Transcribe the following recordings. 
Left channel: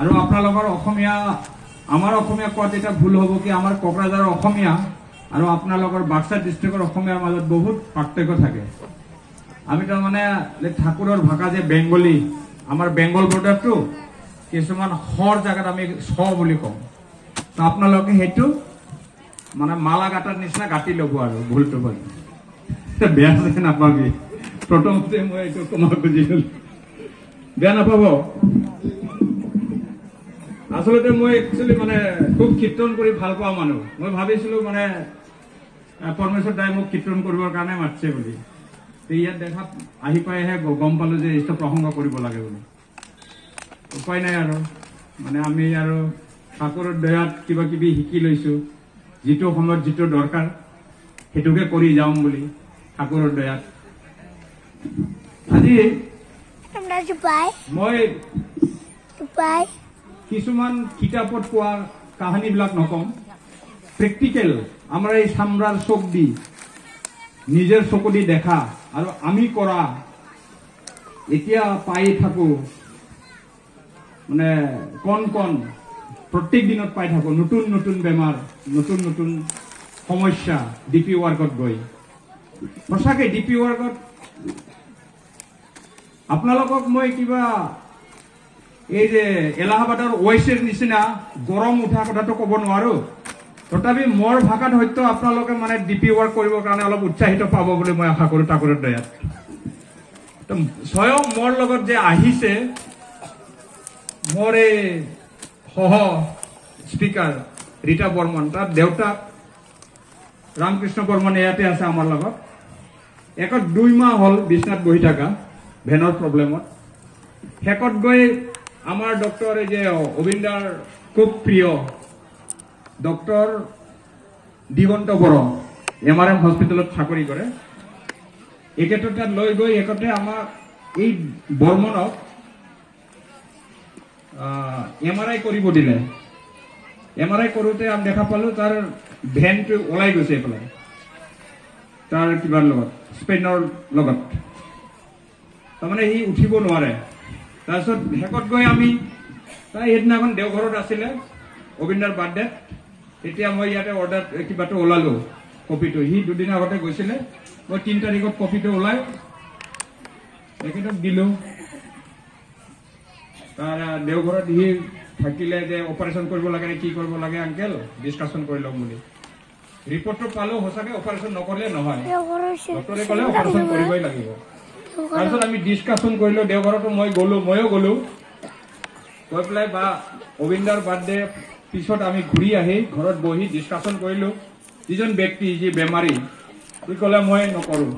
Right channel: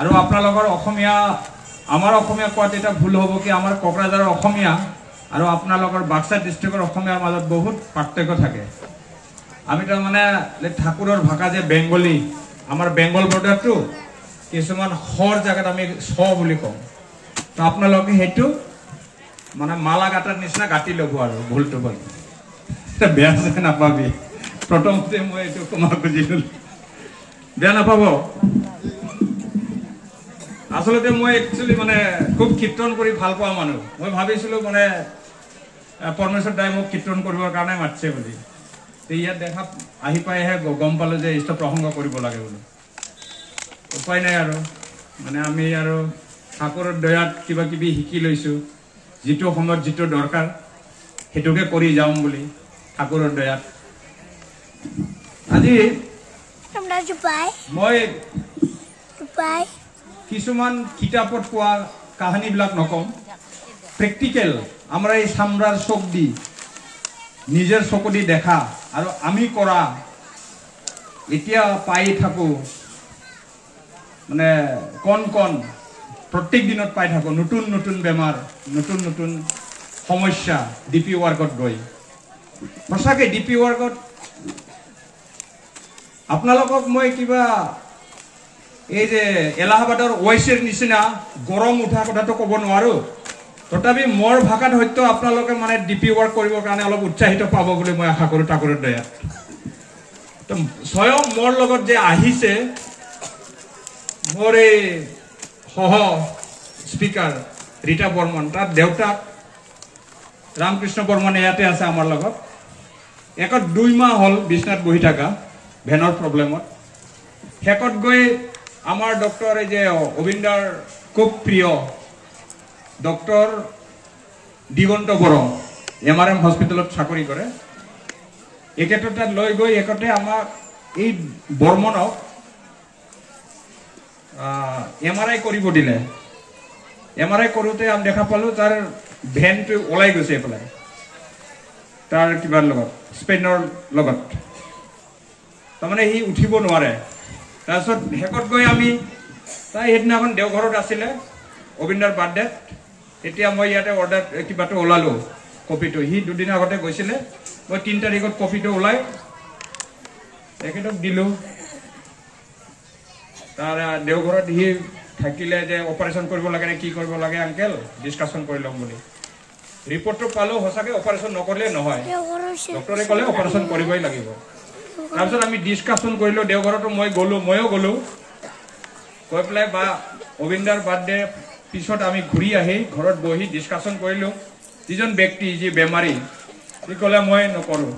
আৰু আপোনালোকৰ অসমীয়া আমাৰ অসমীয়া কোৱাত এটা ভুল হ'ব কি আমাৰ কোকৰাঝাৰৰ অসমীয়া আৰু আপোনালোকৰ বাক্সা ডিষ্ট্ৰিক্টৰ অসমীয়াৰ মাজত বহুত পাৰ্থক্য থাকে আমি তো মানে ঠাকুৰৰ ভাষা যে বেংগলী আমাৰ বেংগল বৰ্ডাৰটো কিছুমান হৰ জায়গাত আমি ছ বুলি কওঁ তো আপোনালোকে হেতু মানে মালা গাটাৰ নিচিনা গাটি ল'ব আৰু ভুলটো বল বেয়া যে নাপাবি প্ৰথমতে মই এইটো কমা খুজিলো বেয়া নাপাব আসলতে মই একচুয়ালি মানে খুব কীৰ্তন কৰি ভাল পোৱা মানুহ মই ভাবিছিলো মানে পৰমেশ্বৰ দাই মোক কীৰ্তন কৰিবৰ কাৰণে মাতছে বুলি ইয়াত দেখা আহি পাইহে গম পালো যে ইষ্ট প্ৰসংগ কৰিব লাগে বুলি উপায় নাই আৰু মানে আমি আৰু ঠাকুৰৰ দয়াত কিবা কিবি শিকি লৈছো যেটো সময়ত যেটো দৰকাৰ হেতুকে কৰি যাম বুলি ঠাকুৰৰ দয়াত আজি আমৰা জুপাই মই কিছুমান কিতাপত কোৱা কাহিনীবিলাক নকম প্ৰেক্টিকেল আমাৰ এই সামৰাৰ চোক দি নিজৰ চকু দি দেখা আৰু আমি কৰা এতিয়া পাই থাকো মানে কোন প্ৰত্যেক দিনত পাই থাকো নতুন নতুন বেমাৰ নতুন নতুন সমস্যা ডিপি ওয়াৰ্কত গৈ সঁচাকে ডিপি ওয়াৰ্কত আপোনালোকক মই কিবা এই যে এলাহাবাদৰ ওয়াইসেৰ নিচিনা গৰম উঠা কথাটো ক'ব নোৱাৰো তথাপি মোৰ ভাষাত হয়তো আপোনালোকে মানে ডিপি ওয়াৰ্ক কৰিবৰ কাৰণে অলপ উৎসাহিত পাব বুলি মই আশা কৰো ঠাকুৰৰ দয়াত তো স্বয়ং মোৰ লগত যে আহিছে মোৰ এই সহ স্পিকাৰ ৰীতা বৰ্মন তাৰ দেউতাক ৰামকৃষ্ণ বৰ্মন ইয়াতে আছে আমাৰ লগত একত 2 মাহ হল বিছনাত বহি থাকা ভেনৰ প্ৰব্লেমত হেকত গৈ আমাৰ ডক্টৰ এই যে অবিন্দাৰ খুব প্ৰিয় ডক্টৰ দিগন্ত বড়ো এমআৰএম হসপিটালত চাকৰি কৰে একেটা লৈ গৈ একতে আমাক এই বৰ্মনক এমআৰআই কৰিব দিলে এমআৰআই কৰোতে আমি দেখা পালো তাৰ ভেনটো ওলাই গৈছে পেলাই তাৰ কিবাৰ লগত স্পেনৰ লগত তাৰমানে হি উঠিব নোৱাৰে তাৰছত হেকত গৈ আমি তাই হেদিনাখন দেওঘৰত আছিলে অবিন্দৰ বাৰ্থডে এতিয়া মই ইয়াতে অৰ্ডাৰ কিবাটো ওলালো কপিটো হি দুদিন আগতে গৈছিলে মই 3 তাৰিখত কপিটো ওলাই একেটক দিলো তাৰ দেওঘৰত হি থাকিলে যে অপাৰেশন কৰিব লাগে নে কি কৰিব লাগে আঙ্কেল ডিসকাশন কৰি লম বুলি ৰিপৰ্টটো পালো হসাকে অপাৰেশন নকৰলে নহয় ডক্টৰে ক'লে অপাৰেশন কৰিবই লাগিব তাৰপিছত আমি ডিসকাশন কৰিলো দেওঘৰটো ময়ো গলো কৈ পেলাই বা অবিন্দাৰ বাৰ্থডে পিছত আমি ঘূৰি আহি ঘৰত বহি ডিসকাশন কৰিলো যিজন ব্যক্তি যি বেমাৰী সি ক'লে মই নকৰো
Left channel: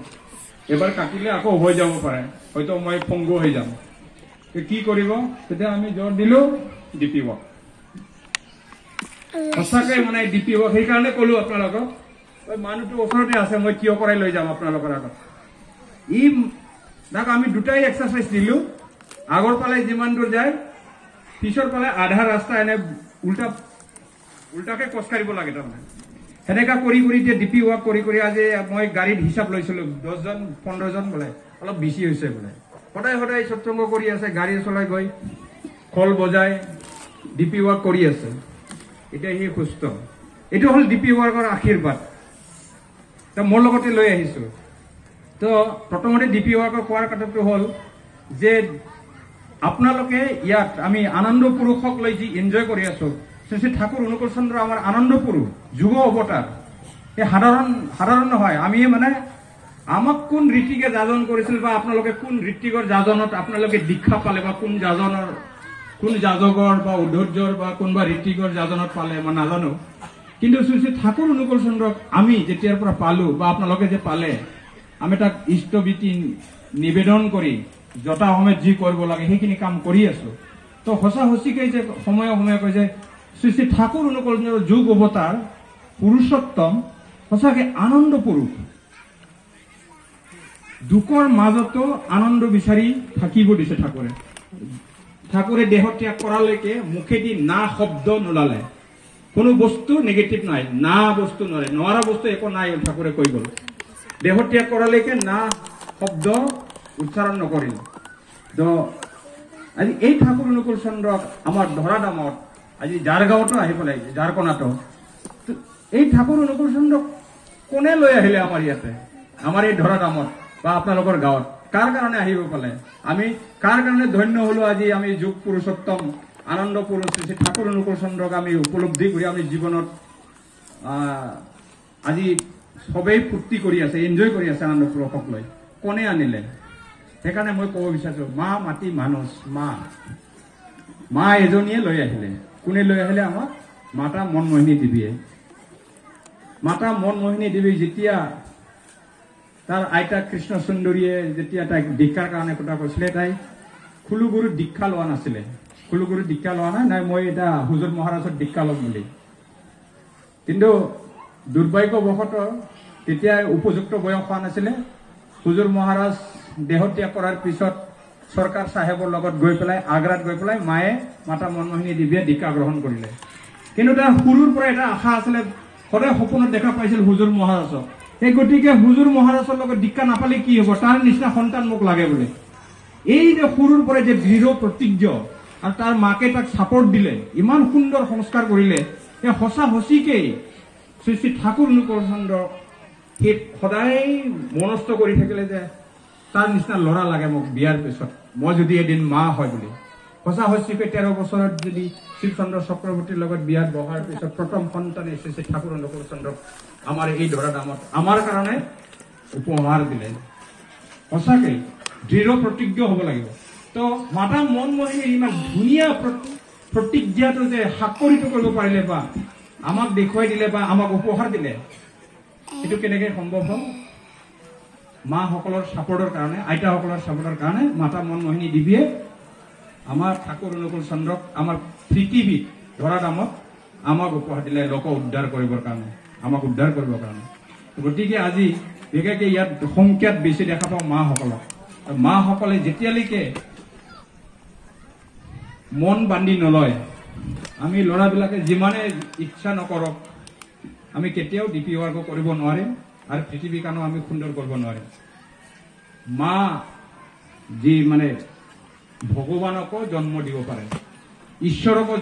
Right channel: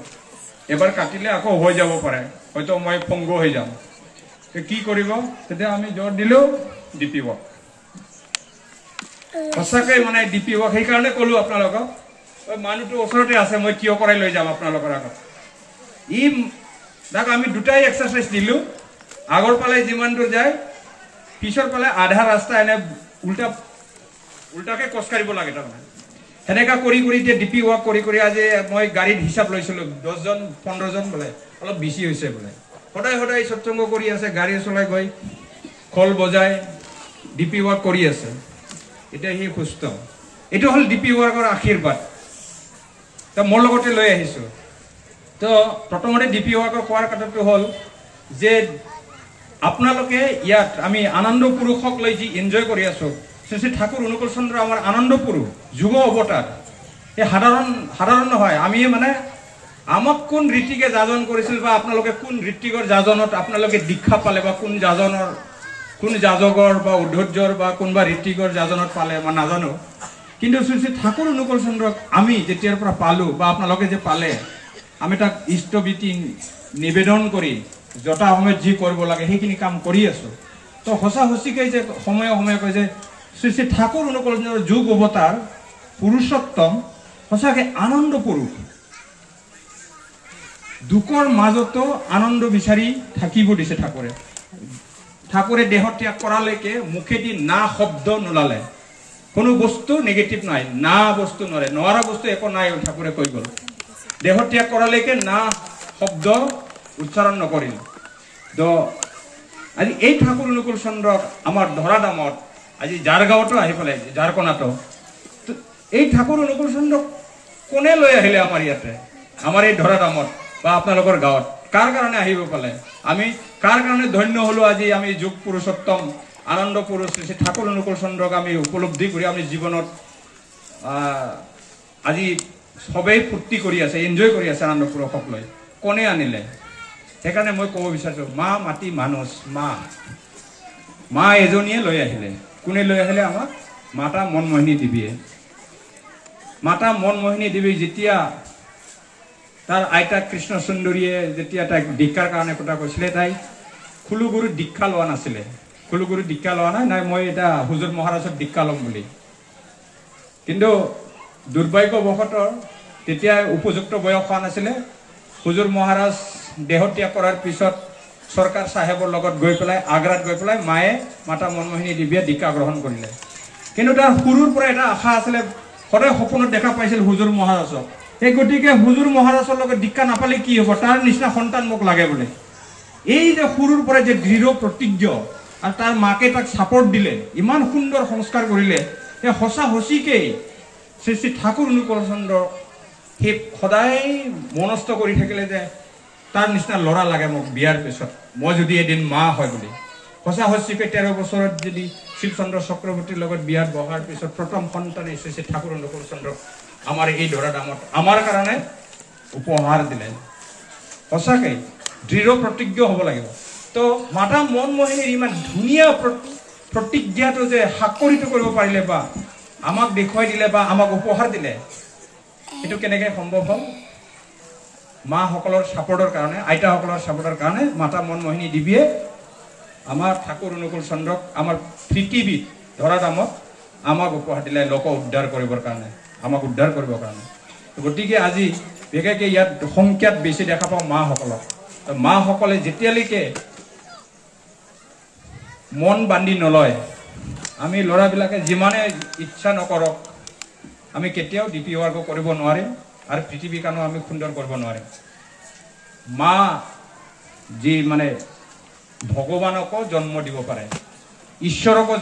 এবাৰ কাটিলে আকৌ হৈ যাব পাৰে হয়তো মই ফংগো হৈ যাম কি কৰিব তেতিয়া আমি জোৰ দিলো ডিপি ওয়াৰ্ক সঁচাকে মানে ডিপি ওয়াৰ্ক সেই কাৰণে ক'লো আপোনালোকক ওই মানুহটো ওচৰতে আছে মই কিয় কৰাই লৈ যাম আপোনালোকৰ আগত ই দাক আমি দুটাই এক্সাৰসাইজ দিলো আগৰ পালে যিমান দূৰ যায় পিছৰ পালে আধা ৰাস্তা এনে উল্টাকে কষ্ট কৰিব লাগে তাৰমানে হেনেকা কৰি যে ডিপি ওয়াৰ্ক কৰি আজি মই গাড়ীত হিসাব লৈছিলো 10 জন 15 জন বলে অলপ বেছি হৈছে বলে সদায় সৎসংগ কৰি আছে গাড়ী চলাই গৈ খল বজায় ডিপি ওয়াৰ্ক কৰি আছে এটা হি সুস্থ এটো হল ডিপি ওয়াৰ্কৰ আশীৰ্বাদ তা মোৰ লগতে লৈ আহিছো তো প্ৰথমতে ডিপি ওয়াৰ্কৰ কোৱাৰ কথাটো হল যে আপোনালোকে ইয়াত আমি আনন্দ পুৰুষক লৈ যি এনজয় কৰি আছো শ্ৰী ঠাকুৰ অনুকূল চন্দ্ৰ আমাৰ আনন্দ পুৰুষ যুগ অৱতাৰ এই সাধাৰণ নহয় আমি মানে আমাক কোন ঋতিকে যাজন কৰিছিল বা আপোনালোকে কোন ঋতিকৰ যাজনত আপোনালোকে দীক্ষা পালে বা কোন যাজকৰ বা উদ্ধৰ্যৰ বা কোনবা ঋতিকৰ যাজনত পালে মই নাজানো কিন্তু শ্ৰী ঠাকুৰ অনুকূল চন্দ্ৰক আমি যেতিয়াৰ পৰা পালো বা আপোনালোকে যে পালে আমি তাক ইষ্টবিতি নিবেদন কৰি যটা সময়ত যি কৰিব লাগে সেইখিনি কাম কৰি আছো তো হসিকে যে সময়ে কয় যে শ্ৰী ঠাকুৰ অনুকূল চন্দ্ৰৰ যুগ অৱতাৰ পুৰুষোত্তম হসাকে আনন্দ পুৰুষ দুখৰ মাজতো আনন্দ বিচাৰি থাকিব দিছে ঠাকুৰে দেহ ত্যাগ কৰালৈকে মুখেদি না শব্দ নোলালে কোনো বস্তু নেগেটিভ নাই না বস্তু নোৱাৰা বস্তু একো নাই ঠাকুৰে কৈ গল দেহ ত্যাগ কৰালৈকে না শব্দ উচ্চাৰণ নকৰিল তো আজি এই ঠাকুৰ অনুকূল চন্দ্ৰক আমাৰ ধৰা দামত আজি যাৰ গাঁৱতো আহি পেলাই যাৰ কণাতো এই ঠাকুৰ অনুকূল চন্দ্ৰক কোনে লৈ আহিলে আমাৰ ইয়াতে আমাৰ এই ধৰা দামত বা আপোনালোকৰ গাঁৱত কাৰ কাৰণে আহিব পালে আমি কাৰ কাৰণে ধন্য হলো আজি আমি যুগ পুৰুষোত্তম আনন্দ পুৰুষ শ্ৰী ঠাকুৰ অনুকূল চন্দ্ৰক আমি উপলব্ধি কৰি আমি জীৱনত আজি সবেই ফূৰ্তি কৰি আছে এনজয় কৰি আছে আনন্দ পুৰুষক লৈ কোনে আনিলে সেইকাৰণে মই ক'ব বিচাৰিছোঁ মা মাটি মানুষ মা এজনীয়ে লৈ আহিলে কোনে লৈ আহিলে আমাক মাতা মনমোহিনী দেৱীয়ে মাতা মনমোহিনী দেৱী যেতিয়া তাৰ আইতা কৃষ্ণ সুন্দৰীয়ে যেতিয়া তাইক দীক্ষাৰ কাৰণে কথা কৈছিলে তাই খুলুগুৰু দীক্ষা লোৱা নাছিলে খুলুগুৰু দীক্ষা লোৱা নাই মই এটা হুজুৰ মহাৰাজৰ দীক্ষা ল'ম বুলি কিন্তু দুৰ্ভাগ্যবশতঃ তেতিয়া উপযুক্ত বয়স হোৱা নাছিলে হুজুৰ মহাৰাজ দেহত্যাগ কৰাৰ পিছত চৰকাৰ চাহেবৰ লগত গৈ পেলাই আগ্ৰাত গৈ পেলাই মায়ে মাতা মনমোহিনী দেৱীয়ে দীক্ষা গ্ৰহণ কৰিলে কিন্তু তাৰ সৰুৰ পৰা এটা আশা আছিলে সদায় সপোনত দেখা পাইছিল হুজুৰ মহাৰাজক এই গতিকে হুজুৰ মহাৰাজৰ লগত দীক্ষা নাপালে কি হ'ব তাৰ নিচিনা সন্তান মোক লাগে বোলে এই যে সৰুৰ পৰা যে দৃঢ় প্ৰতিজ্ঞ আৰু তাৰ মাকে তাক ছাপৰ্ট দিলে ইমান সুন্দৰ সংস্কাৰ কৰিলে এই সঁচা সঁচিকেই শ্ৰী শ্ৰী ঠাকুৰ অনুকূল চন্দ্ৰ সেই সদায় মনস্থ কৰি থাকিলে যে তাৰ নিচিনা ল'ৰা লাগে মোক বিয়াৰ পিছত মই যদি এদিন মা হয় বুলি সঁচা সঁচিকে 13 বছৰত যদি শিৱচন্দ্ৰ চক্ৰৱৰ্তীৰ লগত বিয়াত বহাৰ পিছত প্ৰথম সন্তান শ্ৰী শ্ৰী ঠাকুৰ অনুকূল চন্দ্ৰক আমাৰ এই ধৰা দামত আমাৰ কাৰণে উপহাৰ দিলে সঁচাকৈ দৃঢ় প্ৰতিজ্ঞ হ'ব লাগিব তো মাতা মনমোহিনীৰ ইমান ধুনীয়া প্ৰতিজ্ঞাটো যে সাকৰিত কৰিব পাৰিলে বা আমাক দেখুৱাই দিলে বা আমাক উপহাৰ দিলে এইটো কেনেকৈ সম্ভৱ হ'ল মাসকলৰ ছাপৰ্টৰ কাৰণে আইতাসকলৰ ছাপৰ্টৰ কাৰণে মাতা মনমোহিনী দেৱীয়ে আমাৰ ঠাকুৰ অনুকূল চন্দ্ৰক আমাৰ পৃথিৱীত ধৰা দামত আমাক উপহাৰ দিলে লোক উদ্ধাৰ কৰিবৰ কাৰণে আমাক উদ্ধাৰ কৰিবৰ কাৰণে গতিকে আজি বিশেষকৈ ইয়াত সংখ্যাত বেছি দেখা পাওঁ মাসকলক মাসকলে যেতিয়ালৈকে মন বান্ধি নলয় আমি ল'ৰাবিলাকে যিমানে ইচ্ছা নকৰক আমি কেতিয়াও ডিপি ৱাৰ্ক কৰিব নোৱাৰিম আৰু পৃথিৱীখনো আমি সুন্দৰ কৰিব নোৱাৰিম মা যি মানে ভগৱানকো জন্ম দিব পাৰে ঈশ্বৰকো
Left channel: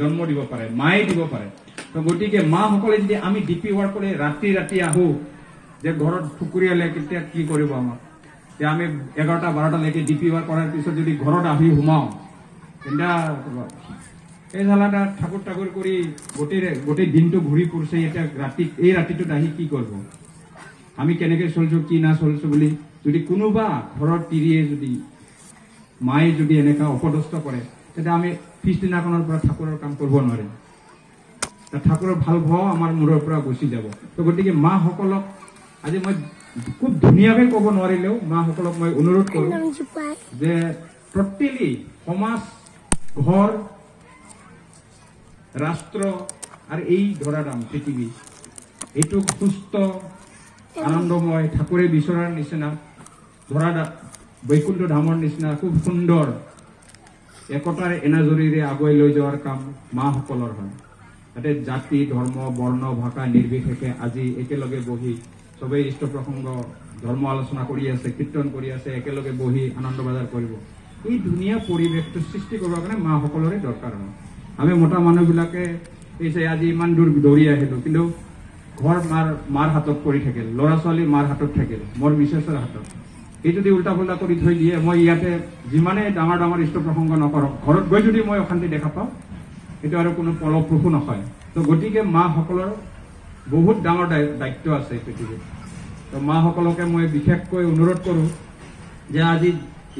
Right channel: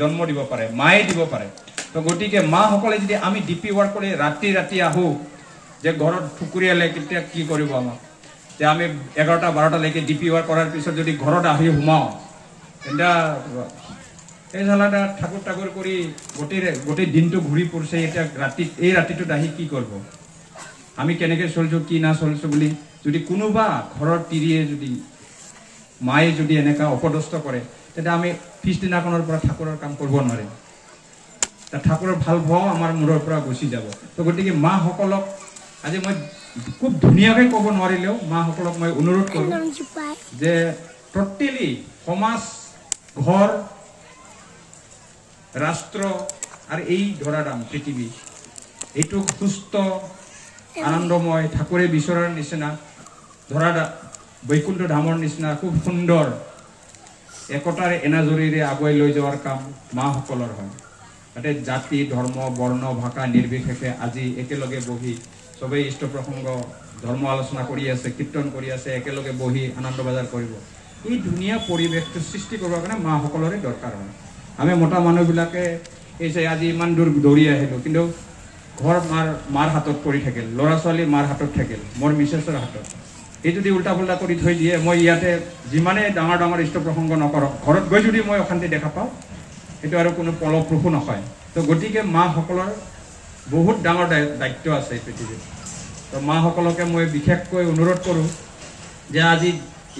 জন্ম দিব পাৰে মায়ে দিব পাৰে তো গতিকে মাসকলে যদি আমি ডিপি ৱাৰ্ক কৰি ৰাতি ৰাতি আহোঁ যে ঘৰত ঠুকুৰিয়ালে কেতিয়া কি কৰিব আমাক যে আমি 11টা 12টালৈকে ডিপি ৱাৰ্ক কৰাৰ পিছত যদি ঘৰত আহি সোমাওঁ তেন্তে এই ঝালাটা ঠাকুৰ ঠাকুৰ কৰি গোটেই দিনটো ঘূৰি ফুৰিছে এতিয়া এই ৰাতিটোত আহি কি কৰিব আমি কেনেকৈ চলিছোঁ কি না চলিছোঁ বুলি যদি কোনোবা ঘৰৰ তিৰিয়ে যদি মায়ে যদি এনেকুৱা অপদস্থ কৰে তেতিয়া আমি পিছদিনাখনৰ পৰা ঠাকুৰৰ কাম কৰিব নোৱাৰিম ঠাকুৰৰ ভাল ভাও আমাৰ মূৰৰ পৰা গুচি যাব তো গতিকে মাসকলক আজি মই খুব ধুনীয়াকৈ ক'ব নোৱাৰিলেও মাসকলক মই অনুৰোধ কৰোঁ যে টোটেলি সমাজ ঘৰ ৰাষ্ট্ৰ আৰু এই ধৰাধাম পৃথিৱী এইটো সুস্থ আনন্দময় ঠাকুৰে বিচৰাৰ নিচিনা ধৰা বৈকুণ্ঠ ধামৰ নিচিনা খুব সুন্দৰ একতাৰ এনাজৰীৰে আগুৱাই লৈ যোৱাৰ কাম মাসকলৰ হয় তাতে জাতি ধৰ্ম বৰ্ণ ভাষা নিৰ্বিশেষে আজি একেলগে বহি সবেই ইষ্ট প্ৰসংগ ধৰ্ম আলোচনা কৰি আছে কীৰ্তন কৰি আছে একেলগে বহি আনন্দ বজাৰ কৰিব এই ধুনীয়া পৰিৱেশটো সৃষ্টি কৰিবৰ কাৰণে মাসকলৰে দৰকাৰ হয় আমি মোটা মানুহবিলাকে এই যে আজি ইমান দূৰ দৌৰি আহিলোঁ কিন্তু ঘৰ মাৰ হাতত পৰি থাকিল ল'ৰা ছোৱালী মাৰ হাতত থাকিল মোৰ মিছেছৰ হাতত এই যদি উল্টা পুল্টা কৰি থৈ দিয়ে মই ইয়াতে যিমানে ডাঙৰ ডাঙৰ ইষ্ট প্ৰসংগ নকৰক ঘৰত গৈ যদি মই অশান্তি দেখা পাওঁ সেইটো আৰু কোনো ফলপ্ৰসূ নহয় তো গতিকে মাসকলৰ বহুত ডাঙৰ দায়িত্ব আছে পৃথিৱীত তো মাসকলকে মই বিশেষকৈ অনুৰোধ কৰোঁ যে আজি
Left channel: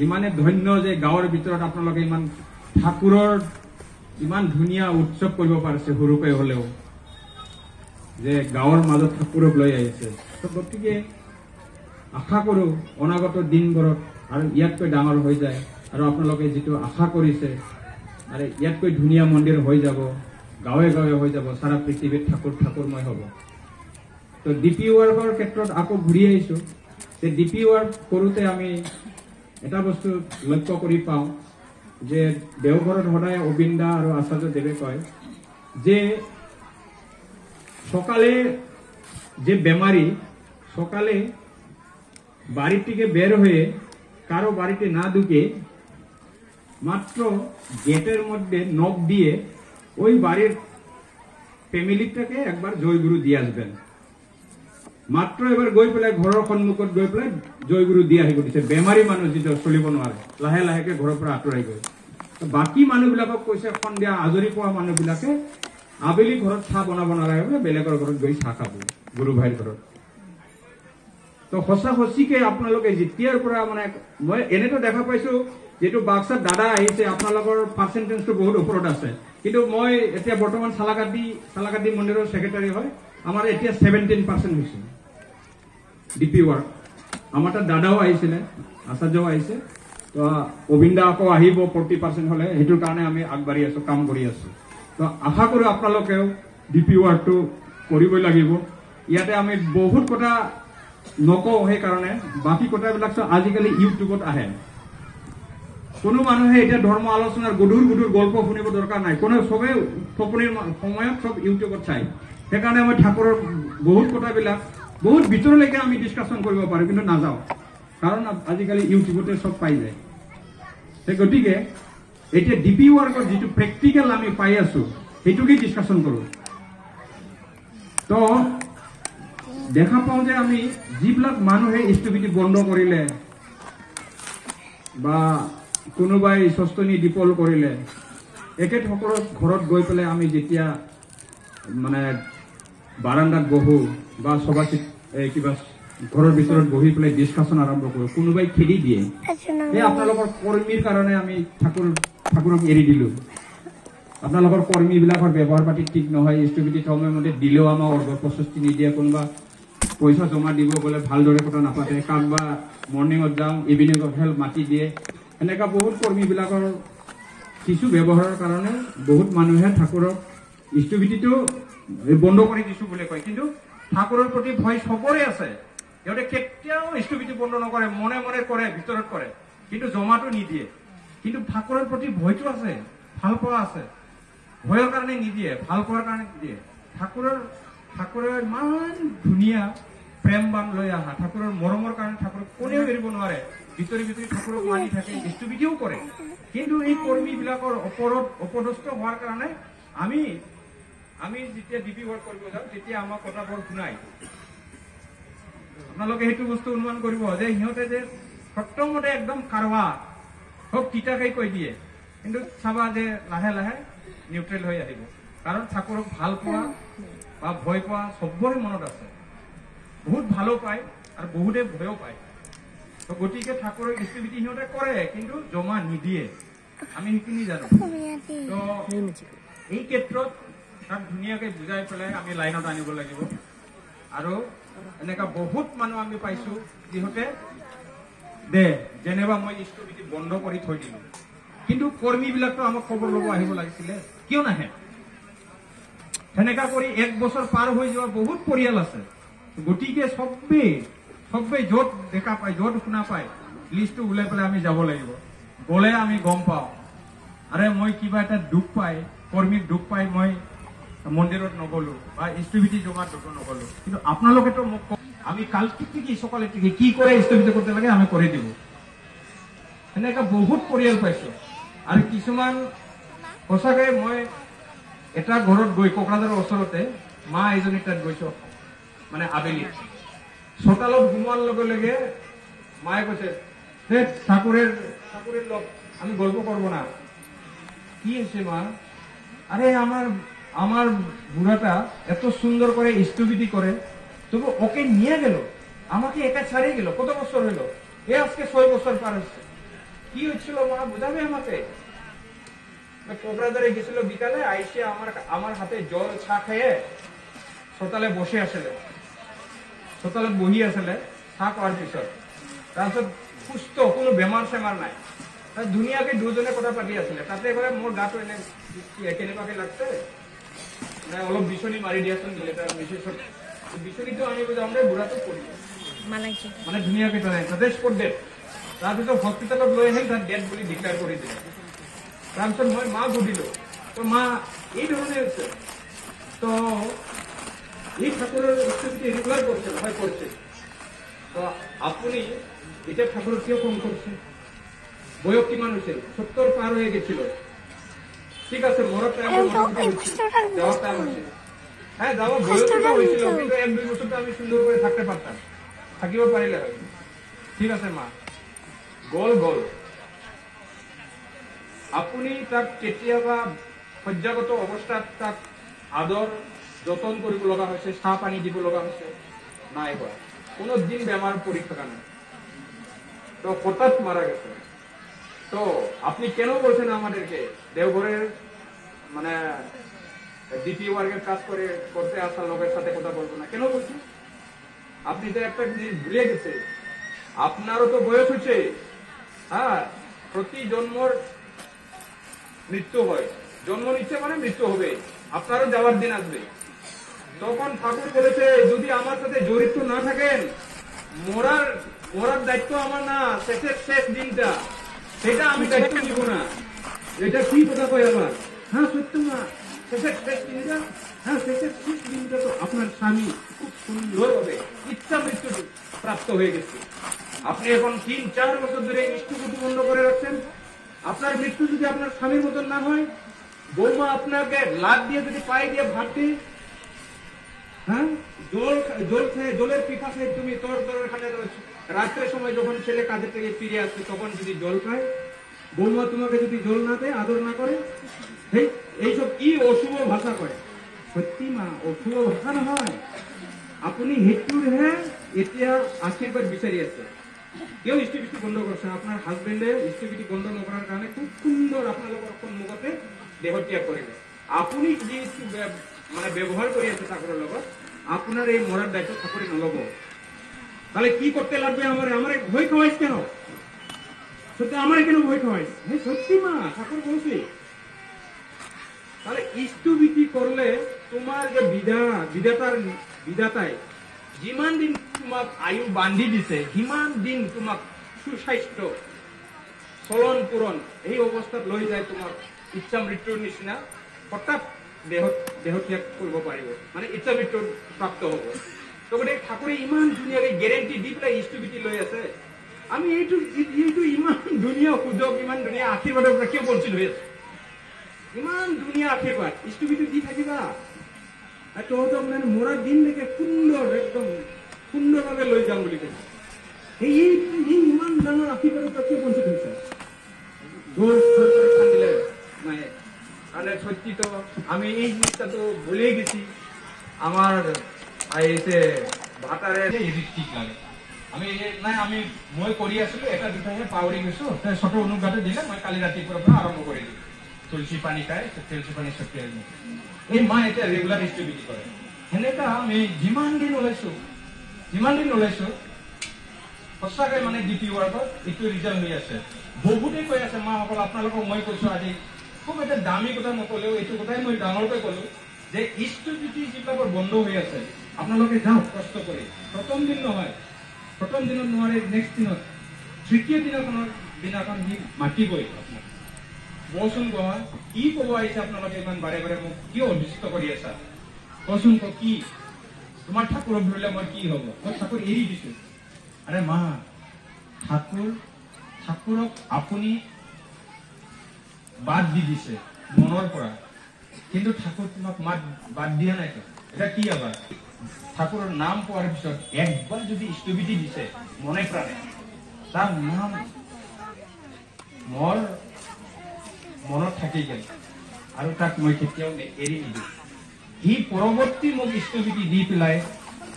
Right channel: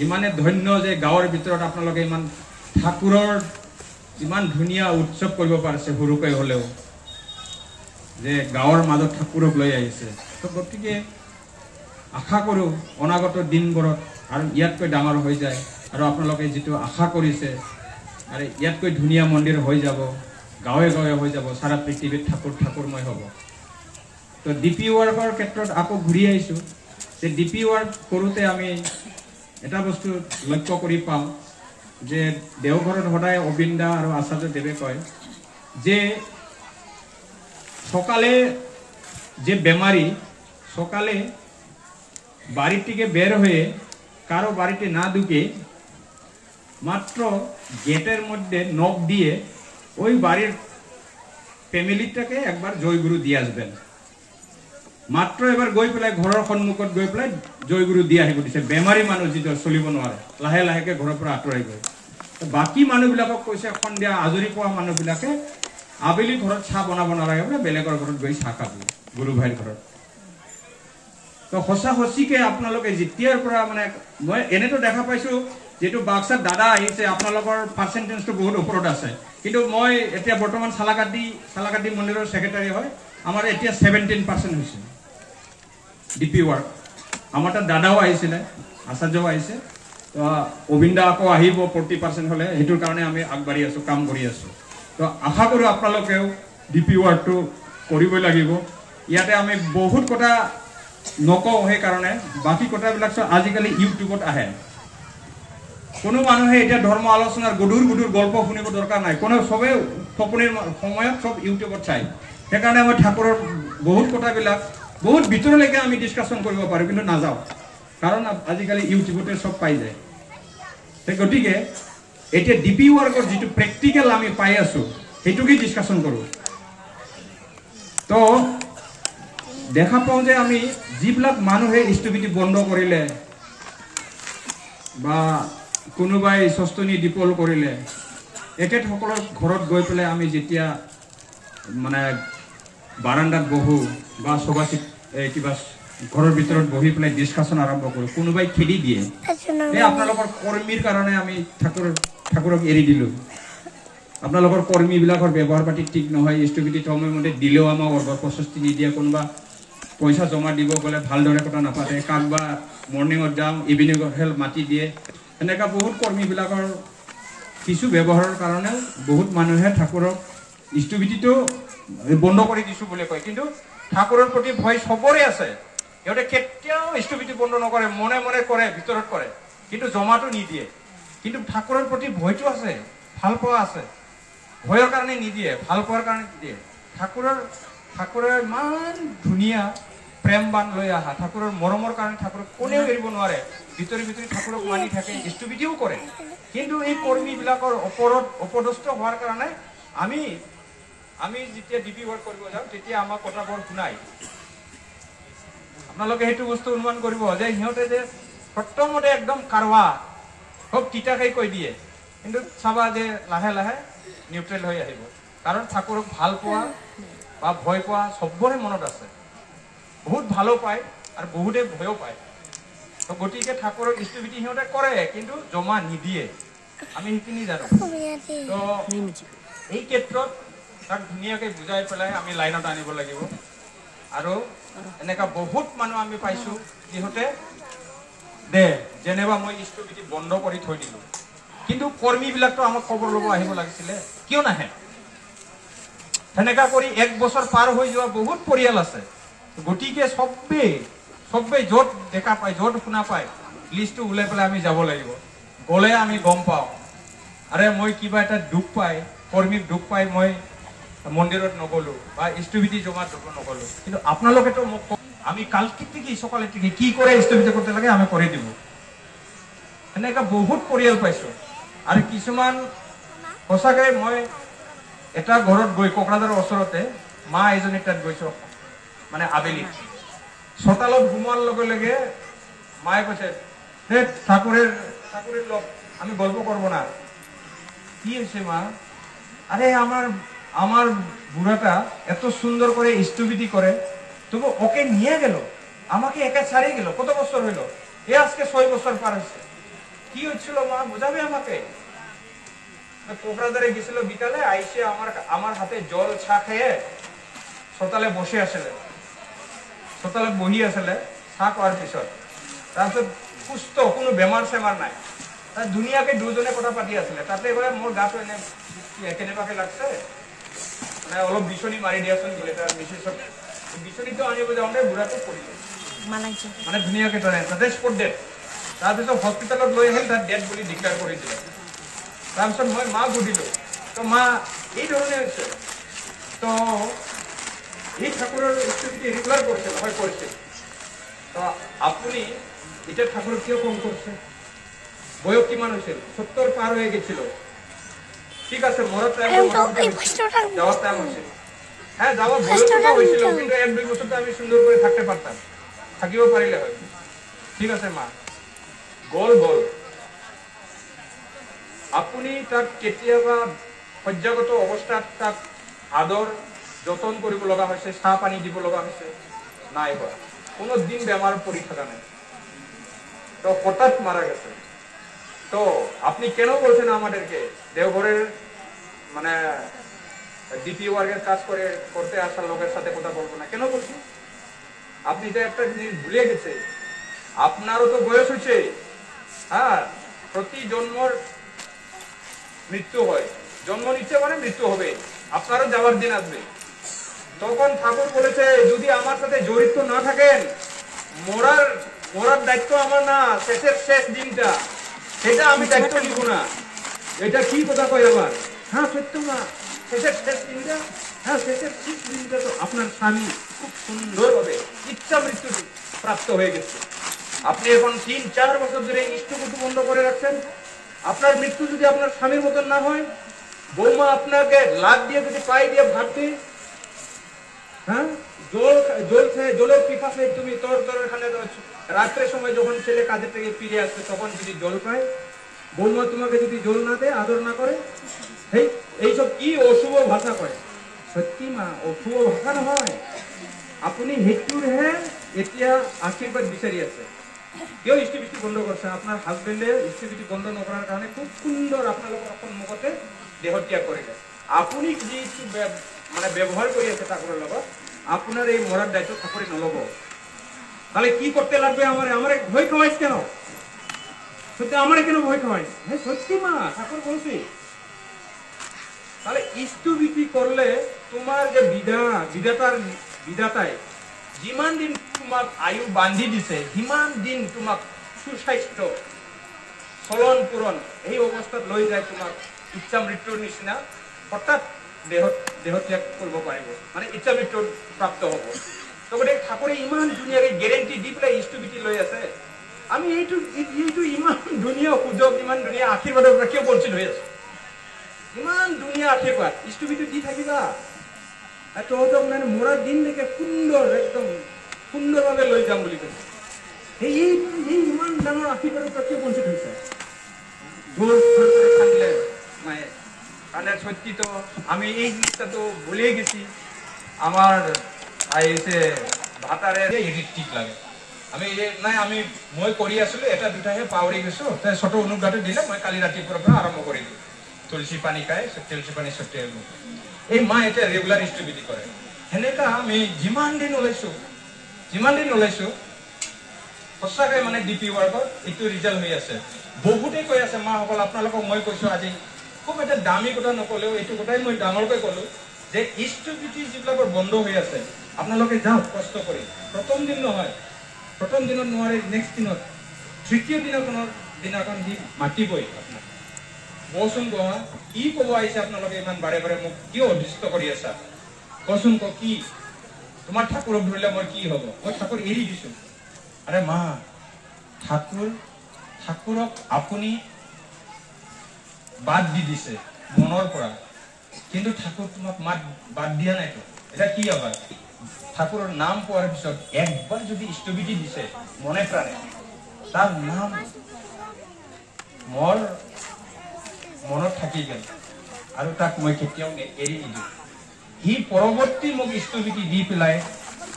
ইমানে ধন্য যে গাঁৱৰ ভিতৰত আপোনালোকে ইমান ঠাকুৰৰ ইমান ধুনীয়া উৎসৱ কৰিব পাৰিছে সৰুকৈ হ'লেও যে গাঁৱৰ মাজত ঠাকুৰক লৈ আহিছে তো গতিকে আশা কৰোঁ অনাগত দিনবোৰত আৰু ইয়াতকৈ ডাঙৰ হৈ যায় আৰু আপোনালোকে যিটো আশা কৰিছে আৰু ইয়াতকৈ ধুনীয়া মন্দিৰ হৈ যাব গাঁৱে গাঁৱে হৈ যাব সাৰা পৃথিৱীত ঠাকুৰময় হ'ব তো ডিপি ৱাৰ্কৰ ক্ষেত্ৰত আকৌ ঘূৰি আহিছোঁ যে ডিপি ৱাৰ্ক কৰোঁতে আমি এটা বস্তু লক্ষ্য কৰি পাওঁ যে দেওঘৰত সদায় অবিন্দা আৰু আচাৰ্য দেৱে কয় যে সকালে যে বেমারি সকালে বাড়ি থেকে বের হয়ে কারো বাড়িতে না ঢুকে মাত্র গেটের মধ্যে নখ দিয়ে ওই বাড়ির ফ্যামিলিটাকে একবার জয়গুরু দিয়ে আসবেন। মাত্ৰ এবাৰ গৈ পেলাই ঘৰৰ সন্মুখত গৈ পেলাই জয়গুৰু দি আহিব দিছে। বেমাৰী মানুহ যিটো চলিব নোৱাৰে, লাহে লাহেকে ঘৰৰ পৰা আঁতৰাই গৈ। বাকী মানুহবিলাকক কৈছে সন্ধিয়া আজৰি পোৱা মানুহবিলাকে আবেলি ঘৰত চাহ বনাব নালাগে বোলে, বেলেগৰ ঘৰত গৈ চাহ খাব, গুৰু ভাইৰ ঘৰত। তো সঁচা সঁচিকে আপোনালোকে যেতিয়াৰ পৰা মানে মই এনেতো দেখা পাইছো, যেটো বাক্সাত দাদা আহিছে আপোনালোকৰ পাৰ্চেণ্টেজটো বহুত ওপৰত আছে, কিন্তু মই এতিয়া বৰ্তমান চালাকাটি মন্দিৰৰ ছেক্ৰেটাৰী হয়, আমাৰ এতিয়া 17% হৈছে ডিপি ৱাৰ্ক। আমাৰ তাত দাদাও আহিছিলে, আচাৰ্যও আহিছে, তো অবিন্দা আকৌ আহিব 40% হ'লে, সেইটোৰ কাৰণে আমি আগবাঢ়ি আছোঁ, কাম কৰি আছোঁ। তো আশা কৰোঁ আপোনালোকেও ডিপি ৱাৰ্কটো কৰিবই লাগিব। ইয়াতে আমি বহুত কথা নকওঁ, সেইকাৰণে বাকী কথাবিলাক আজিকালি ইউটিউবত আহে। কোনো মানুহে এতিয়া ধৰ্ম আলোচনাৰ গধুৰ গল্প শুনিব দৰকাৰ নাই, কোনো চবেই টোপনিৰ সময়ত চব ইউটিউবত চায়। সেইকাৰণে মই ঠাকুৰৰ বহুত কথাবিলাক বহুত ভিতৰলৈকে আমি ডিছকাশ্যন কৰিব পাৰোঁ, কিন্তু নাযাওঁ, কাৰণ আজিকালি ইউটিউবতে চব পাই যায়। সেই গতিকে এতিয়া ডিপি ৱাৰ্কৰ যিটো প্ৰেক্টিকেল আমি পাই আছোঁ, সেইটোকে ডিছকাশ্যন কৰোঁ। তো দেখা পাওঁ যে আমি যিবিলাক মানুহে স্থবিতি বন্ধ কৰিলে বা কোনোবাই স্বস্তনি দীপল কৰিলে, এখেতসকলৰ ঘৰত গৈ পেলাই আমি যেতিয়া মানে বাৰান্দাত বহোঁ বা সভাচিত কিবা ঘৰৰ ভিতৰত বহি পেলাই ডিছকাশ্যন আৰম্ভ কৰোঁ, কোনোবাই খেদি দিয়ে, এই আপোনালোকৰ কৰ্মীৰ কাৰণে আমি ঠাকুৰক এৰি দিলোঁ, আপোনালোকৰ কৰ্মীবিলাকৰ ব্যৱহাৰ পাতি ঠিক নহয়, স্থবিতি সময়মতে দিলেও আমাক প্ৰশস্তি নিদিয়ে, কোনোবা পইচা জমা দিব গ'লে ভালদৰে কথা নাপাতে, কাক বা মৰ্ণিঙত যাওঁ ইভিনিঙত মাতি দিয়ে। এনেকুৱা বহুত কৰ্মীবিলাকৰ কিছু ব্যৱহাৰৰ কাৰণেও বহুত মানুহে ঠাকুৰক স্থবিতিটো বন্ধ কৰি দিছোঁ বুলি কয়, কিন্তু ঠাকুৰৰ প্ৰতি ভয় চবৰে আছে। সিহঁতে কেতিয়াও স্থবিতি বন্ধ নকৰে, মনে মনে কৰে, ভিতৰত কৰে, কিন্তু জমাটো নিদিয়ে। কিন্তু ঠাকুৰৰ প্ৰতি ভয়টো আছে, ভাল পোৱা আছে, ভয়ৰ কাৰণে নিদিয়ে, ভাল পোৱাৰ কাৰণে নিদিয়ে। ঠাকুৰৰ ইমান ধুনীয়া প্ৰেমবান লৈ আহা, ঠাকুৰৰ মৰমৰ কাৰণে ঠাকুৰক কোনেও এৰিব নোৱাৰে, ভিতৰি ঠাকুৰক মানি থাকে, স্থবিতিও কৰে। কিন্তু এই কৰ্মীবিলাকৰ ওপৰত অপদস্থ হোৱাৰ কাৰণে আমি যেতিয়া ডিপি ৱাৰ্ক কৰিব যাওঁ, তেতিয়া আমাক কথাবোৰ শুনাই। আপোনালোকে সেইটো বস্তু অনুমান কৰিব যে সিহঁতে যে প্ৰথমতে একদম কাৰৱা খুব তিতাকৈ কৈ দিয়ে, কিন্তু চাবা যে লাহে লাহে নিউট্ৰেল হৈ আহিব, কাৰণ ঠাকুৰক ভাল পোৱা বা ভয় পোৱা চবৰে মনত আছে। বহুত ভালো পায় আৰু বহুতে ভয়ো পায়। তো গতিকে ঠাকুৰৰ স্থবিতি সিহঁতে কৰে, কিন্তু জমা নিদিয়ে, আমি সেইখিনি জানো। তো এই ক্ষেত্ৰত তাক ধুনীয়াকৈ বুজাই পেলাই আমি লাইনত আনিব লাগিব। আৰু এনেকুৱা বহুত মানুহ আমি পাইছোঁ যিহঁতে যেনিবা মই স্থবিতি বন্ধ কৰি থৈ দিলোঁ, কিন্তু কৰ্মীবিলাকতো আমাক খবৰ ল'ব আহিব লাগিছিলে, কিয় নাহে? সেনেকা কৰি 1 বছৰ পাৰ হৈ যোৱা বহুত পৰিয়াল আছে। গতিকে চবেই য'ত দেখা পায়, য'ত শুনা পায়, লিষ্টটো ওলাই পেলাই আমি যাব লাগিব। গ'লে আমি গম পাওঁ, আৰে মই কিবা এটা দুখ পাই, কৰ্মীক দুখ পাই মই মন্দিৰত নগ'লোঁ বা স্থবিতি জমাত নগ'লোঁ, কিন্তু আপোনালোকেতো মোক আমি কালকে থেকে সকালে থেকে কি করে স্থবিত করতে লাগে আমি করে দিব। এনেকা বহুত পৰিয়াল পাইছোঁ। আৰু কিছুমান সঁচাকৈ মই এটা ঘৰত গৈ কোকৰাঝাৰৰ ওচৰতে মা এজনী তাত গৈছোঁ, মানে আবেলি চোতালত ঘুমোৱাৰ লগে লগে মায়ে কৈছে, ঠাকুরের লোক আমি গল্প করবো না। কি হয়েছে মা? আরে আমার বুড়াটা এত সুন্দর করে স্থবিতি করে, তবু ওকে নিয়ে গেল, আমাকে একা ছাড়িয়ে গেল, কত বছর হইল? এ আজকে 6 বছর পার হয়েছে। কি হচ্ছিল মা, বোঝাবে আমাকে? কোকরাঝারে গেছিল বিকালে, আইসে আমার হাতে জল ছা খেয়ে সকালে বসে আসলে, সকালে বহি আসলে চা খোৱাৰ পিছত, তাৰপিছত সুস্থ, কোনো বেমাৰ চেমাৰ নাই, ধুনীয়াকে দুজনে কথা পাতি আছিলে। তাতে গ'লে মোৰ গাটো এনে কেনেবাকে লাগছে, মানে অলপ বিচনী মাৰি দিয়াচোন বুলি বিচনীটো আনিব যাওঁতে বুঢ়াটো পৰিলে, মানে ধুনীয়াকে তাতে স্পট ডেট। তাৰপিছত হস্পিটেলত লৈ আহিল, তাত ডেট বুলি ডিক্লেয়াৰ কৰি দিলে। তাৰপিছত মই মা সুধিলোঁ, তো মা এই ধৰণে হৈছে, তো এই ঠাকুৰৰ স্থিতি ৰেগুলাৰ কৰিছে নহয়? কৰিছে। তো আপুনি এতিয়া ঠাকুৰক কিয় কম কৰিছে? বয়স কিমান হৈছিল 70 পাৰ হৈ গেছিল ঠিক আছে মরার টাইম যাওয়ার টাইম আছে হ্যাঁ যাওয়া বয়সটা হয়েছিল কিন্তু 1-2 বছর তো আমি সুন্দর করে থাকতে পারতাম থাকিব পারিলে হয় ঠিক আছে মা গোল গোল আপুনি তাক কেতিয়াবা সজ্জাগত অৱস্থাত তাক আদৰ যতন কৰিব লগা হৈছে চাহ পানী দিব লগা হৈছে নাই হোৱা কোনো দিন বেমাৰ পৰি থকা নাই তো হঠাৎ মারা গেছে তো আপনি কেন বলছেন আমাদেরকে দেওঘরের মানে ডিপি ওয়ার্কের কাজ করতে আসার লোকের সাথে কথা বলবো না কেন বলছেন আপনি তো একটা জিনিস ভুলে গেছে আপনারও তো বয়স হচ্ছে হ্যাঁ প্রতি জন্মর মৃত্যু হয় জন্ম নিচ্ছে মানে মৃত্যু হবে আপনারও যাওয়ার দিন আসবে তখন ঠাকুর বলেছে যদি আমার সাথে জড়িত না থাকেন মরার দায়িত্ব আমার না শেষের শেষ দিনটা সেটা আমি দায়িত্ব নিব না এটা কি কথা কয় আবার হ্যাঁ সত্য না শেষের শেষ দিনটা হ্যাঁ শেষের শেষ দিনটা তো আপনার স্বামী খুব সুন্দরভাবে ইচ্ছা মৃত্যু প্রাপ্ত হয়ে গেছে আপনি এখন 3-4 বছর ধরে ইষ্টকুটু বন্ধ করে রাখছেন আপনার মৃত্যু যদি আপনার স্বামীর মতন না হয় বৌমা আপনাকে লাভ দিয়ে যদি পায়ে দিয়ে ভাত দিয়ে হ্যাঁ জলের পিপাসে তুমি তোর এখানে রাত্রের সময় যখন ছেলে কাজের থেকে ফিরে আসছে তখন যদি জল পায় বৌমা তোমাকে যদি জল না দেয় আদর না করে এইসব কি অশুভ ভাষা কয় সত্যি মা অশুভ ভাষা নহয় আপুনি হেতুৰহে এতিয়া আশীৰ্বাদ বিচাৰি আছে কিয় ইষ্টিভিটি বন্ধ করছে আপনার হাজবেন্ডে ইষ্টিভিটি বন্ধ নকরার কারণে খুব সুন্দর আপনাদের সন্মুখতে দেহত্যাগ করিলে আপনি যে মানে ব্যবহার করে আছে ঠাকুরের লগত আপনার এই মরার দায়িত্ব ঠাকুরে নলব তাহলে কি করতে লাগবে আমারে ভয় খাওয়াইছ কেন সত্যি আমারে কেন ভয় খাওয়াইছ হ্যাঁ সত্যি মা ঠাকুর বলছি তাহলে ইষ্টবিধি করলে তোমার যে বিধাতায় যিমান দিন তোমাক আয়ু বান্ধি দিছে সিমান দিন তোমাক সুস্বাস্থ্য চলন পূৰণ এই অৱস্থাত লৈ যায় তোমাক ইচ্ছা মৃত্যুৰ নিচিনা হঠাৎ দেহত্যাগ কৰিব পাৰিব মানে ইচ্ছা মৃত্যু প্ৰাপ্ত হ'ব তবে ঠাকুৰে ইমান ধুনীয়াকৈ গেৰেণ্টি দি পেলাই ইষ্টবিধি লৈ আছে আমি এইটো ইমান ধুনীয়া সুযোগ ইমান ধুনীয়া আশীৰ্বাদৰ পৰা কিয় বঞ্চিত হৈ আছো ইমান ধুনীয়া আশীৰ্বাদ ইষ্টবিধি দি থাকিবা তহঁতক মানে মৰাৰ দিন দেখে সুন্দৰ একদম সুন্দৰভাৱে লৈ যাম বুলি কৈছে এই ইমান ডাঙৰ আশীৰ্বাদৰ পৰা কিয় বঞ্চিত হৈছে গোল খান্দিলে মায়ে কারণ সত্যি তো আমি এই জিনিসটা তো ভুলে গেছি আমার আইসে ভাতারে এডিট ঠিক লাগে আমি মই কৰি আছিলো এটা দুটাহে পাহৰি গৈছো ছোট অনুজ্ঞাটো দিলে মই কালি ৰাতিপুৱাৰ পৰা আৰম্ভ কৰি দিম তুলসী পানী খাই তুলসী পানী ছটিয়াই এই মা এতিয়া ৰেগুলাৰ ইষ্টবিধি কৰে সেনেকা আমি যিমান দিন ওলাইছো সঁচাকৈ মানে ডিপি ৱাৰ্কত এইটো ৰিজাল্ট হৈ আছে বহুতে কৈ আছে মাসকল আপোনালোকক মই কৈছো আজি খুব এটা দামী কথা নকলেও এইটো কথাই মই ডাঙৰকৈ ক'লো যে ইষ্টবিধি যিবিলাকৰ বন্ধ হৈ আছে আপোনালোকে যাওক কষ্ট কৰি প্ৰথম দিন নহয় প্ৰথম দিনত নোৱাৰে নেক্সট দিনত তৃতীয় দিনাখন দি মাতিবই আপোনাক বচোন কোৱা কি ক'ব আহিছে আপোনালোকে ইমান বাৰে বাৰে মোক কিয় অধিষ্ঠ কৰি আছা কচোন কি তোমাৰ ঠাকুৰক ধৰিলে মই কি হ'ব মই ঠাকুৰ এৰি দিছো আৰে মা ঠাকুৰক আপুনি বাদ দি দিছে মনৰ পৰা কিন্তু ঠাকুৰ তোমাক বাদ দিয়া নাইতো এটা কি আবার ঠাকুরের নাম পাওয়ার পিছত একবার যদি ইষ্টবিধি দিছে মনে প্রাণে তার নাম মোর মনত থাকি গেল আর তাক মই কেতিয়াও এৰি নিদিওঁ সি পৰৱৰ্তী মোক ইষ্টবিধি দি পেলাই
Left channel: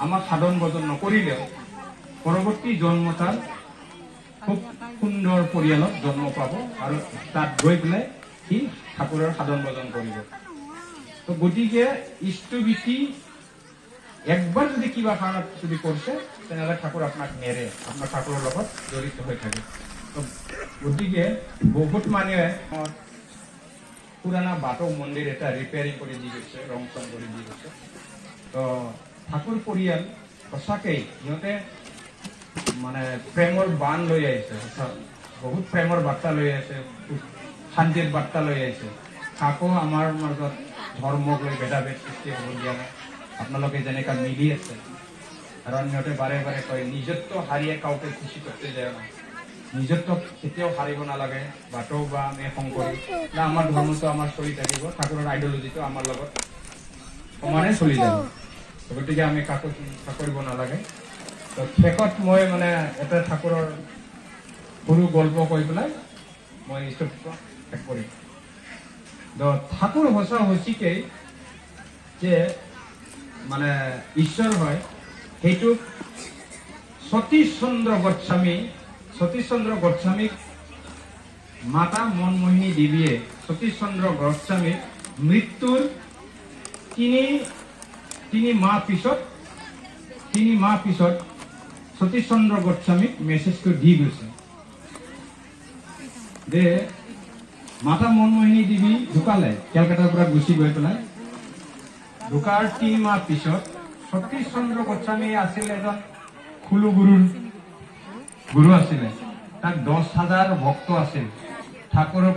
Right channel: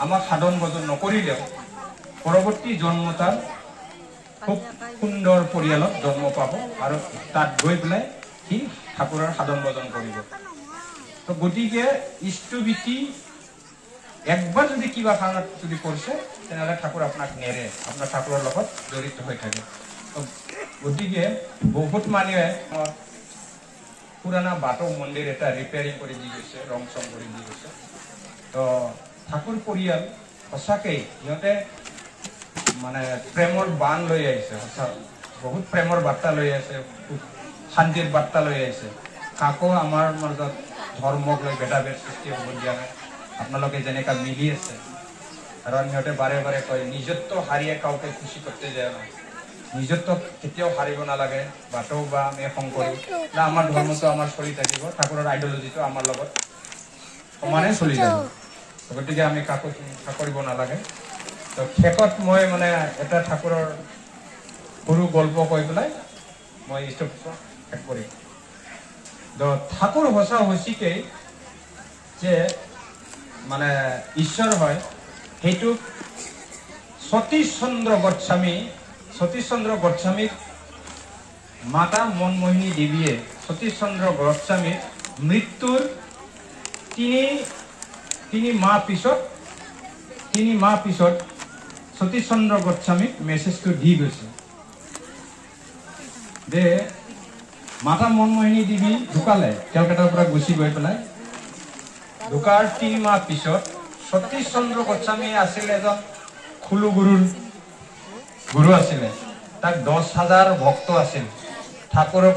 আমাক সাধন ভজন নকৰিলেও পৰৱৰ্তী জন্ম তাৰ খুব সুন্দৰ পৰিয়ালত জন্ম পাব আৰু তাত গৈ পেলাই সি ঠাকুৰৰ সাধন ভজন কৰিব তো গতিকে ইষ্টবিধি একবাৰ যদি কিবা কাৰণত যদি কৰছে তেনেহলে ঠাকুৰ আপনাক নেৰে আপনার ঠাকুরের লগত জড়িত হয়ে থাকে তো গতিকে বহুত মানুহে পুরানা বাটো মন্দির এটা রিপেয়ারিং করে দি গৈছে রং চং করে দি গৈছে তো ঠাকুর পৰিয়াল সঁচাকেই সিহঁতে মানে প্ৰেমৰ বান লৈ আহিছে বহুত প্ৰেমৰ বাৰ্তা লৈ আহিছে শান্তিৰ বাৰ্তা লৈ আহিছে কাকো আমাৰ মাজত ধৰ্মক লৈ ভেদাভেদ সৃষ্টি হ'ব দিয়া নাই আপোনালোকে যেনেকা মিলি আছে কারণ সিহঁতে বারে বারে কয় নিজত্ব হারিয়ে কাউকে খুশি করতে যায় না নিজত্ব কেতিয়াও হাৰিব নালাগে বাটৌ বা আমি শংকৰী না আমাৰ ধৰ্মটো আমাৰ চলি থাকিব ঠাকুৰৰ আইডিঅলজিটো আমাৰ লগত সমানে চলি যাব গতিকে আমি কাকো হিংসা কৰিব নালাগে তো শেষত মই মানে এটা ঠাকুৰৰ সৰু গল্প কৈ পেলাই মই ষ্টপটো শেষ কৰিম তো ঠাকুৰ সঁচা সঁচিকেই যে মানে ঈশ্বৰ হয় সেইটো সতীশ চন্দ্ৰ গোস্বামীক মাতা মনমোহিনী দেৱীয়ে সতীশ চন্দ্ৰ গোস্বামীক মৃত্যুৰ তিনি মাহ পিছত সতীশ চন্দ্ৰ গোস্বামীক মেছেজটো দি গৈছে যে মাতা মনমোহিনী দেৱী ঢুকালে কেলকাতাৰ পৰা গুচি গৈ পেলাই ঢুকাৰ 3 মাহ পিছত সতীশ চন্দ্ৰ গোস্বামী আছিল এজন খুলু গুৰু আছিলে তাক 10,000 ভক্ত আছিল ঠাকুৰক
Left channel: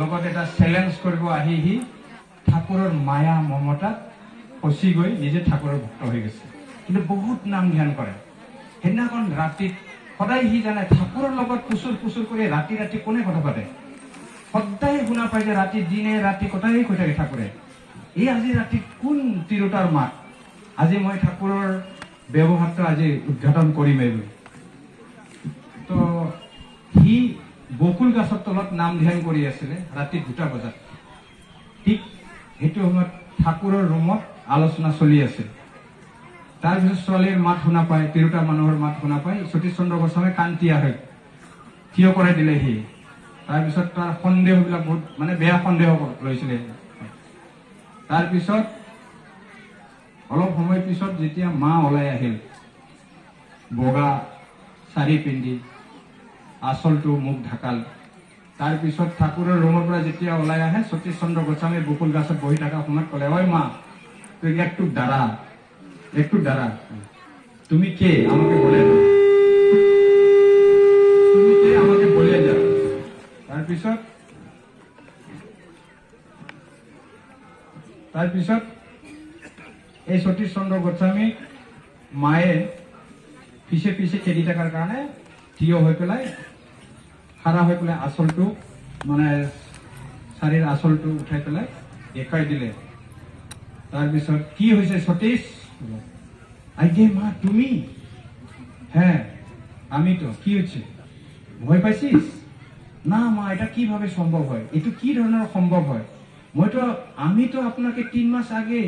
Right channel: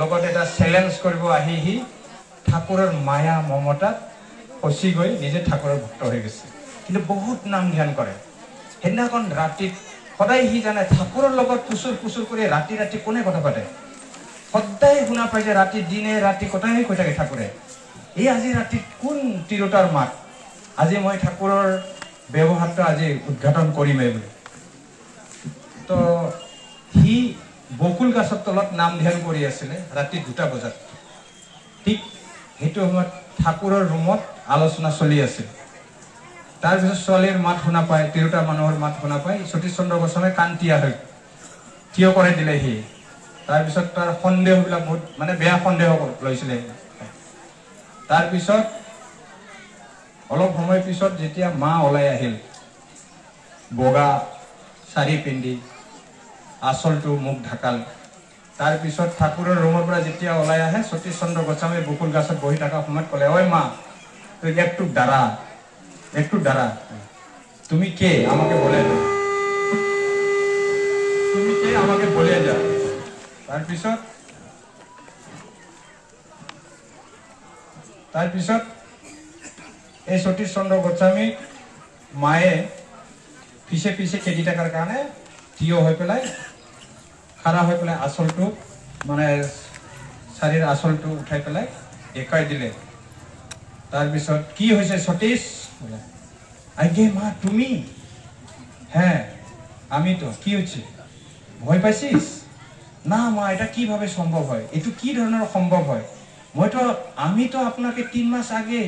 লগত এটা চ্যালেঞ্জ কৰিব আহি ঠাকুৰৰ মায়া মমতাত ফচি গৈ নিজে ঠাকুৰৰ ভক্ত হৈ গৈছে কিন্তু বহুত নাম ধ্যান কৰে সেইদিনাখন ৰাতি সদায় সি জানে ঠাকুৰৰ লগত পুচুৰ কৰি ৰাতি কোনে কথা পাতে সদায় শুনা পাই যে ৰাতি দিনে ৰাতি কথাই কৈ থাকে ঠাকুৰে এই আজি ৰাতি কোন তিৰোতাৰ মাত আজি মই ঠাকুৰৰ ব্যৱহাৰটো আজি উদ্ঘাটন কৰিমেই তো সি বকুল গাছৰ তলত নাম ধ্যান কৰি আছিলে ৰাতি 2টা বজাত ঠিক সেইটো সময়ত ঠাকুৰৰ ৰুমত আলোচনা চলি আছিল তাৰপিছত ছোৱালীৰ মাত শুনা পায় তিৰোতা মানুহৰ মাত শুনা পায় সতীশ চন্দ্ৰ গোস্বামী কান্তিয়া হৈ থিয় কৰাই দিলে সি তাৰপিছত তাৰ সন্দেহবিলাক বহুত মানে বেয়া সন্দেহ লৈছিলে তাৰপিছত অলপ সময় পিছত যেতিয়া মা ওলাই আহিল বগা শাৰী পিন্ধি আঁচলটো মুখ ঢাকাল তাৰপিছত ঠাকুৰৰ ৰুমৰ পৰা যেতিয়া ওলাই আহে সতীশ চন্দ্ৰ গোস্বামী বকুল গাছত বহি থকা সময়ত ক'লে ঐ মা তুই একটু দাঁড়া তুমি কে আমাকে বলে যা তাৰপিছত এই সতীশ চন্দ্ৰ গোস্বামী মায়ে পিছে খেদি থকাৰ কাৰণে থিয় হৈ পেলাই খাৰা হৈ পেলাই আঁচলটো মানে শাৰীৰ আঁচলটো উঠাই পেলাই দেখাই দিলে তাৰপিছত কি হৈছে সতীশ আগে মা তুমি হ্যাঁ আমি তো কি হচ্ছে ভয় পাইছিস না মা এটা কিভাবে সম্ভব হয় এটু কি ধরনের সম্ভব হয় আমি তো আপনাকে 3 মাস আগে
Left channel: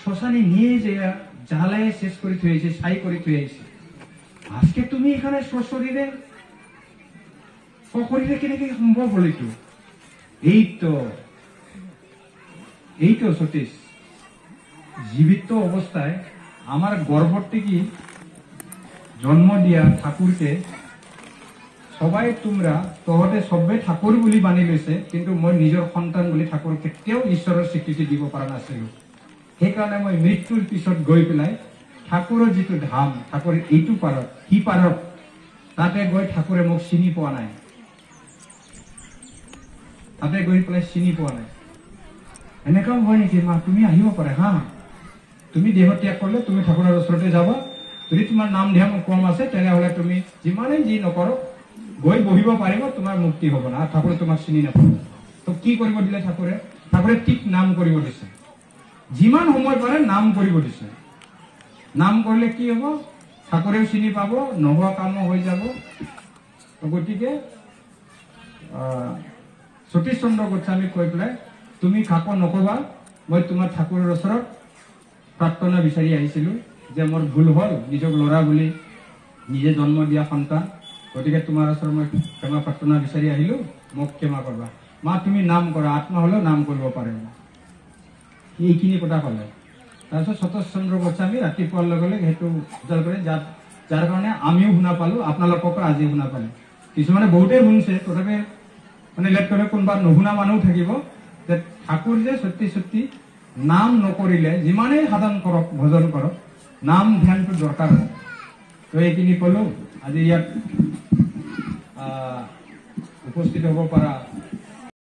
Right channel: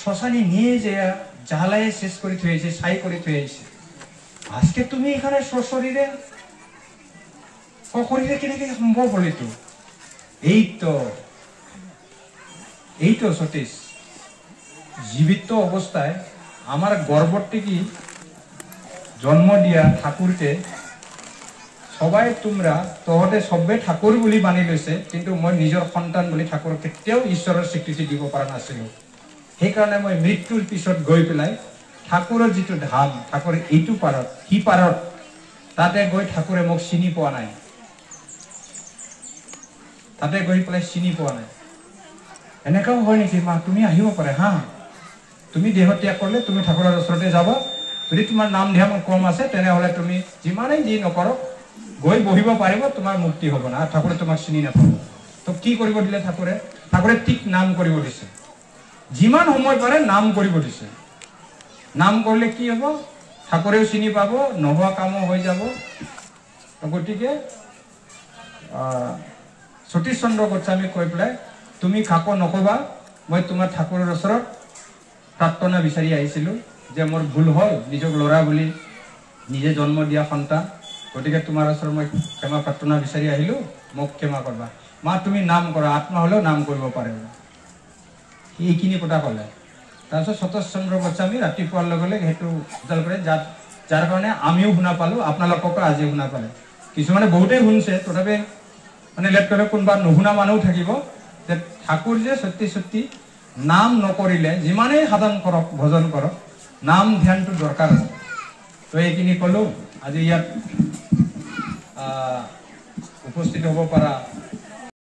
শ্মশানে নিয়ে যাইয়া জ্বালায় শেষ করে থুয়েছি ছাই করে থুয়েছি আজকে তুমি এখানে সশরীরে কেনেকে সম্ভব হল এটু এই তো সতীশ জীবিত অবস্থায় আমার গর্ভর থেকে জন্ম দিয়া ঠাকুরকে সবাই তোমরা তহতে সবে ঠাকুর বলি মানি লৈছে কিন্তু মই নিজৰ সন্তান বলি ঠাকুৰ কেতিয়াও ঈশ্বৰৰ স্বীকৃতি দিব পৰা নাছিল সেইকাৰণে মই মৃত্যুৰ পিছত গৈ পেলাই ঠাকুৰৰ যিটো ধাম ঠাকুৰ এইটো পাৰত সি পাৰত তাতে গৈ ঠাকুৰে মোক চিনি পোৱা নাই তাতে গৈ পেলাই চিনি পোৱা নাই এনেকাও হয় নেকি মা তুমি আহিব পাৰে হা তুমি দেহ ত্যাগ কৰিলে তুমি ঠাকুৰৰ ওচৰতে যাবা যদি তোমাৰ নাম ধ্যান কম আছে তেনেহলে তুমি যিমানেই যি নকৰক গৈ বহিব পাৰিব তোমাৰ মুক্তি হ'ব না ঠাকুৰে তোমাক চিনি নাপাব তো কি কৰিব দিলে ঠাকুৰে ঠিক নাম কৰিব দিছে যিমান সময় পাৰে নাম কৰিব দিছে নাম কৰিলে কি হ'ব ঠাকুৰেও চিনি পাব নোহোৱা কামো হৈ যাব গতিকে সতীশ চন্দ্ৰ গোস্বামী কৈ পেলাই তুমি কাকো নকবা মই তোমাৰ ঠাকুৰৰ ওচৰত প্ৰাৰ্থনা বিচাৰি আহিছিলো যে মোৰ ভুল হ'ল নিজক ল'ৰা বুলি নিজে জন্ম দিয়া সন্তান গতিকে তোমাৰ ওচৰত মই ক্ষমা প্ৰাৰ্থনা বিচাৰি আহিলো মোক ক্ষমা কৰবা মা তুমি নাম কৰা আত্মা হলেও নাম কৰিব পাৰে এইখিনি কথা ক'লে তাৰপিছত সতীশ চন্দ্ৰ গোস্বামী ৰাতিপুৱাৰ লগে লগে সেইটো উজাল কৰে যাৰ কাৰণে আমিও শুনা পালো আপোনালোককো আজি শুনা পালে কিছুমানে বহুতেই শুনিছে তথাপি মানে লেট কৰে কোনোবা নুশুনা মানুহ থাকিব যে ঠাকুৰ যে সত্যি নাম নকৰিলে যিমানেই সাধন কৰক ভজন কৰক নাম ধ্যানটো দৰকাৰ আছে তো এইখিনি ক'লো আজি ইয়াত উপস্থিত হ'ব পৰা